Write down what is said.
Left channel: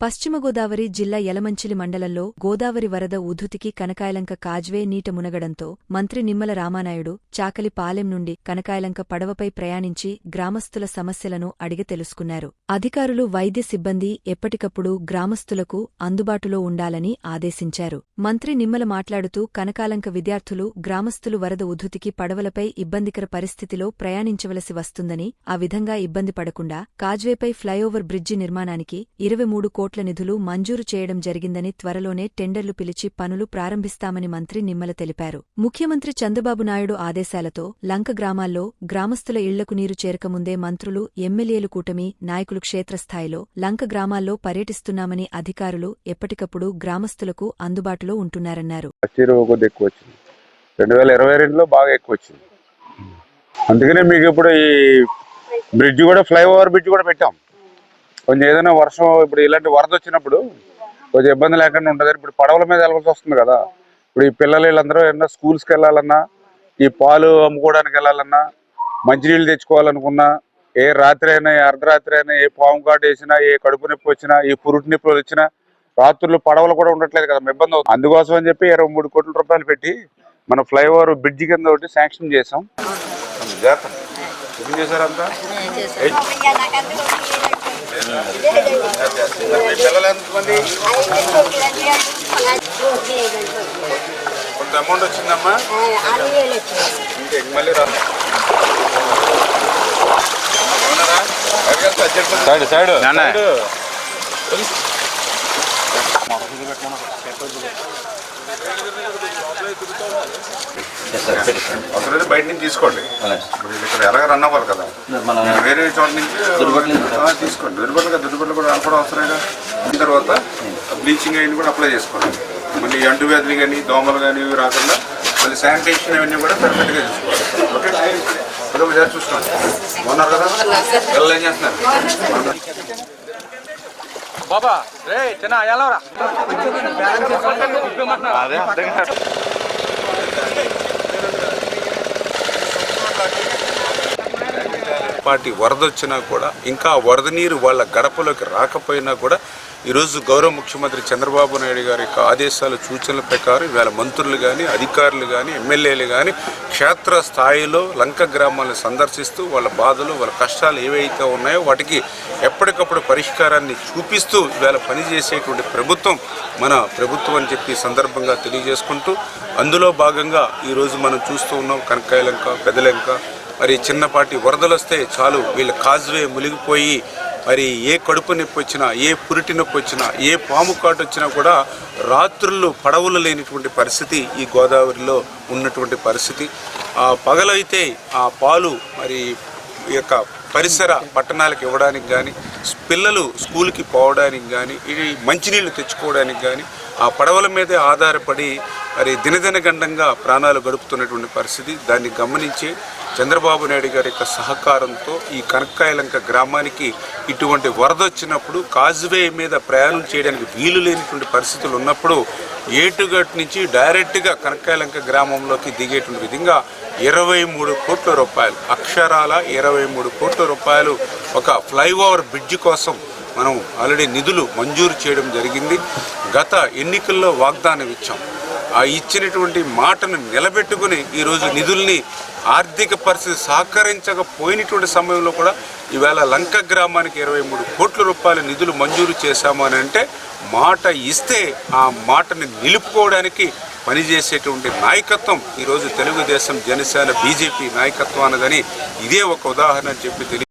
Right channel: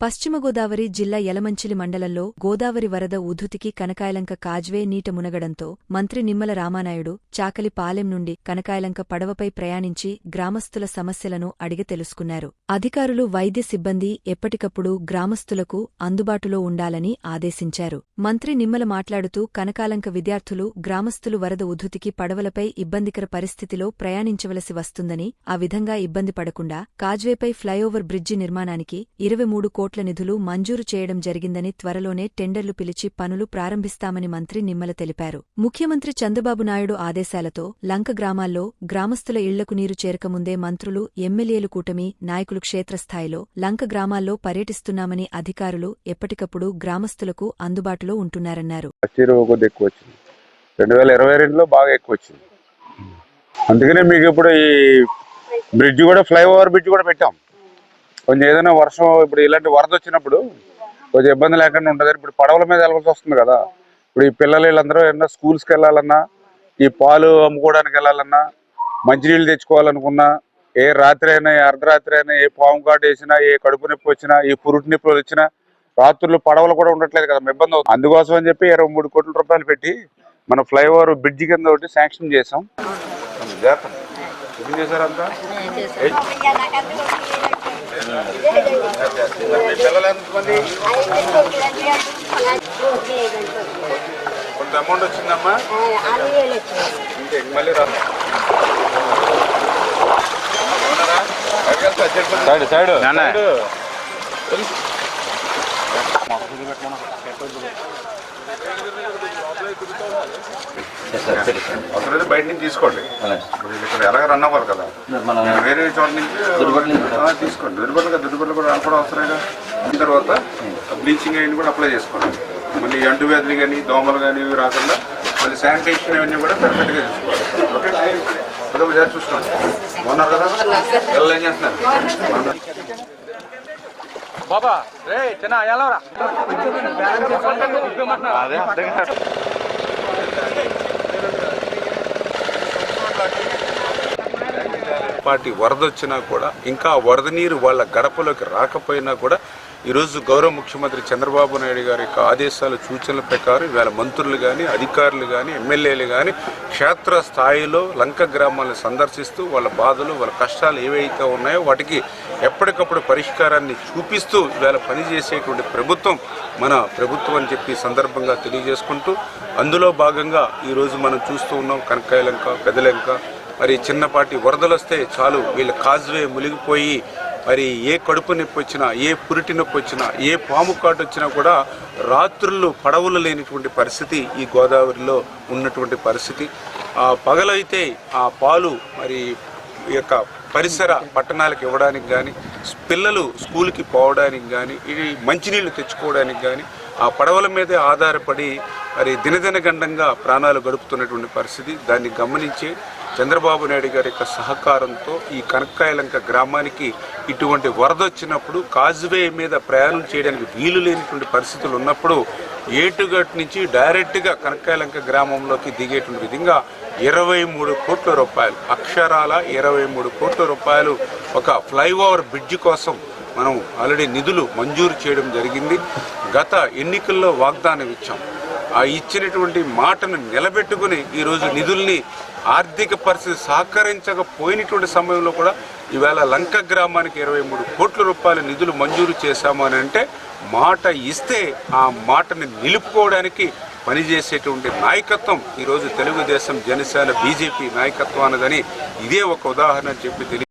పశ్చిమ గోదావరి జిల్లా యలమంచిలి మండలంలో గోదావరి వరద ఉధృతికి కనకాయలంక కాజ్వే నీట మునగడంతో మంత్రి నిమ్మల రామానాయుడు చాకలి పాలెం నుండి కనకాయలంక పడవపై ప్రయాణించి గ్రామస్తుల సమస్యలను అడిగి తెలుసుకున్నారు. అధికారులు వైద్య సిబ్బంది ఎప్పటికప్పుడు గ్రామస్తులకు అందుబాటులో ఉండాలని ఆదేశించారు. మంత్రి నిమ్మల మాట్లాడుతూ కనకాలంక విద్యార్థులు గ్రామస్తులు వరద ఉధృతికి పడవలపై ఇబ్బందికర పరిస్థితిలో ప్రయాణించవలసి వస్తుందని ఆ విధంగా ఇబ్బంది పడకుండా కాజ్వేపై ఫ్లైఓవర్ బ్రిడ్జి నిర్మాణానికి ఇరవై మూడు కోట్ల నిధులు మంజూరు చేయడం జరిగిందని త్వరలోనే టెండర్లు పిలిచి పనులు ప్రారంభిస్తామని మంత్రి నిమ్మల తెలిపారు. ముఖ్యమంత్రి చంద్రబాబు నాయుడు ఆదేశాలతో లంక గ్రామాల్లో గ్రామస్తుల ఇళ్ళకు నీరు చేరకముందే మంత్రులు ఎమ్మెల్యేలు కూటమి నాయకులు క్షేత్రస్థాయిలో లంక గ్రామాల్లో పర్యటిస్తున్నామని అధికారులు ఎప్పటికప్పుడు గ్రామస్తులకు అందుబాటులో ఉంటున్నారన్నారు. రెండు వేల ఇరవై రెండులో బాగా ఎక్కువ వచ్చింది. అందుకనే మీకు ఇప్పుడు ఈ బ్రిడ్జ్ కూడా ఫ్లైఓవర్ బ్రిడ్జ్ కూడా పెట్టాం. కొంచెం ఏదైనా వర్షం ఇప్పుడు ఇలాంటి వరద వచ్చినప్పుడు కొంచెం ఇబ్బంది లేకుండా ఉంటుంది. ఇప్పుడు పడవల మీద వెళ్ళాల్సి వస్తుంది కదా. ఇప్పుడు ఈ పిల్లలు వీళ్ళందరూ ఏమన్నా స్కూల్స్కి వెళ్ళాలన్నా ఈ పాలు అమ్ముకోవడానికి వెళ్ళాలన్నా మంచినీళ్ళు తెచ్చుకోవాలనుకున్నా ఏ రాత్రి అయినా ఏ అర్ధరాత్రి అయినా ఏ పాము కాటు వేసినా ఏ కడుపు నొప్పి వచ్చినా ఏ పురుటి నొప్పులు వచ్చినా రాత్రులు పడవలు కూడా ఉండట్లేదు కదా. ఇబ్బంది అవుతుంది అందుకోసం అని చెప్పి ఇరవై మూడు కోట్ల రూపాయలు పెట్టి మన ఫ్లైఓవర్ బ్రిడ్జ్ కింద ఒకటి శాంక్షన్ చేసాం చేశారంతా? కొంత అమౌంట్ వచ్చిందమ్మా ఇంకా మళ్ళీ రా సైడ్ సైడ్. అవసరం బయట నుంచి తీసుకోండి. ఇప్పుడు ఇక్కడ ఎలాగ రన్ అవ్వాలి కదా? వేరే చోట నుంచి తీసుకోండి. దుర్బట్టలుగా దుర్బట్టలు కూడా కూడా అవసరంగా అయిన తర్వాత బ్లీచింగ్ అయిన కూడా అప్లై చేసుకోండి. మళ్ళీ అంటు వ్యాధులు కానీ దోమలు కానీ ఇవి రాకుండా మళ్ళీ శానిటేషన్ అవన్నీ కూడా పర్ఫెక్ట్గా చూసుకోవాలి. ఓకే ఒకసారి చూసుకోండి. బాగున్నారు కదా? పిల్లలు ఏం చేస్తున్నారు? బాబా రే చిన్న ఎలావరా అదే అర్థం కాదు పాటి వరద వచ్చినా కూడా ఇంకా వరద నీరు వాళ్ళ గడపలోకి రాకపోయినా కూడా ఈరోజు గౌరవ ముఖ్యమంత్రి చంద్రబాబు నాయుడు గారి యొక్క ఆదేశాల సూచనల ప్రకారం ఇవాళ మంత్రులు కానీ అధికారులు కానీ ఎమ్మెల్యేలు కానీ క్షేత్ర స్థాయిలో లంక గ్రామాలను సందర్శిస్తూ వాళ్ళ బాధలు వాళ్ళ కష్టాలు ఏవైతే ఉన్నాయో వాటికి ఎప్పటికప్పుడు పరిష్కారాన్ని చూపిస్తూ ఇవాళ పనిచేసేటువంటి ప్రభుత్వం మన ప్రభుత్వం అని చెప్పి సందర్భంగా తెలియజేసుకుంటూ అందులో భాగంగా ఈరోజు మనం చూస్తూ ఉన్నాం కనకాయలంక పెదలంక మరి చిన్నపాటి వరదలు వస్తే చాలు వీళ్ళ కాజ్వే మునిగిపోయి మరి ఏ కడుపు నొప్పి వచ్చినా ఏ పురిటి నొప్పి వచ్చినా ఏ పాము కాటు వచ్చినా కూడా రాత్రులు పడవలు లేనిటువంటి పరిస్థితి ఈ గోదావరిలో ఉన్నటువంటి పరిస్థితి. ఆ పగలైతే ఆ పాలు మరి ఈ యొక్క పరిసర పట్టణాలకు ఇవ్వడానికి కానీ పిల్లలు స్కూల్కి పోవడానికి కానీ ఇవి మంచినీళ్ళు తెచ్చుకోవడానికి కానీ ఆ పడవల మీదే ఆధారపడి మరి దినదిన గండంగా ప్రాణాలు గడుపుతున్నటువంటి పరిస్థితి. దాన్ని గమనించి చంద్రబాబు నాయుడు గారి యొక్క సహకారంతో ఈ కనక్కాయలంక గ్రామానికి ఇటువంటి వరద వచ్చినప్పుడు కాజ్వే మీద ప్రయాణం చేయడానికి వీలు లేనటువంటి పరిస్థితులు ఉన్నప్పుడు ఏటుగట్ నుంచి డైరెక్ట్గా కనక్కాయలంక గ్రామంలోకి దిగేటువంటి విధంగా ఇరవై మూడు కోట్ల రూపాయలు అక్షరాల ఇరవై మూడు కోట్ల రూపాయలు ఒక ఫ్లైఓవర్ బ్రిడ్జ్ కోసం మనం ఆల్రెడీ నిధులు మంజూరు చేయడం జరిగింది. గత ఎన్నికల్లో వాగ్దానం ఇచ్చాం. ఇచ్చినటువంటి మాటను నిలబెట్టుకుని ఈరోజు నిధుల్ని ఆర్థిక పరిస్థితి సహకరించకపోయినటువంటి సమయంలో కూడా ఈవేళ లంక గ్రామానికి ఇరవై మూడు కోట్ల రూపాయల నిధులు మంజూరు చేశాము అని అంటే మాట ఇస్తే ఆ మాటని నిలుపుకోవడానికి పనిచేసేటువంటి నాయకత్వం ఈరోజు తెలుగుదేశం జనసేన బీజేపీ నాయకత్వం అన్నదని ఇదే ఒక ఉదాహరణ అని చెప్పి తెలియ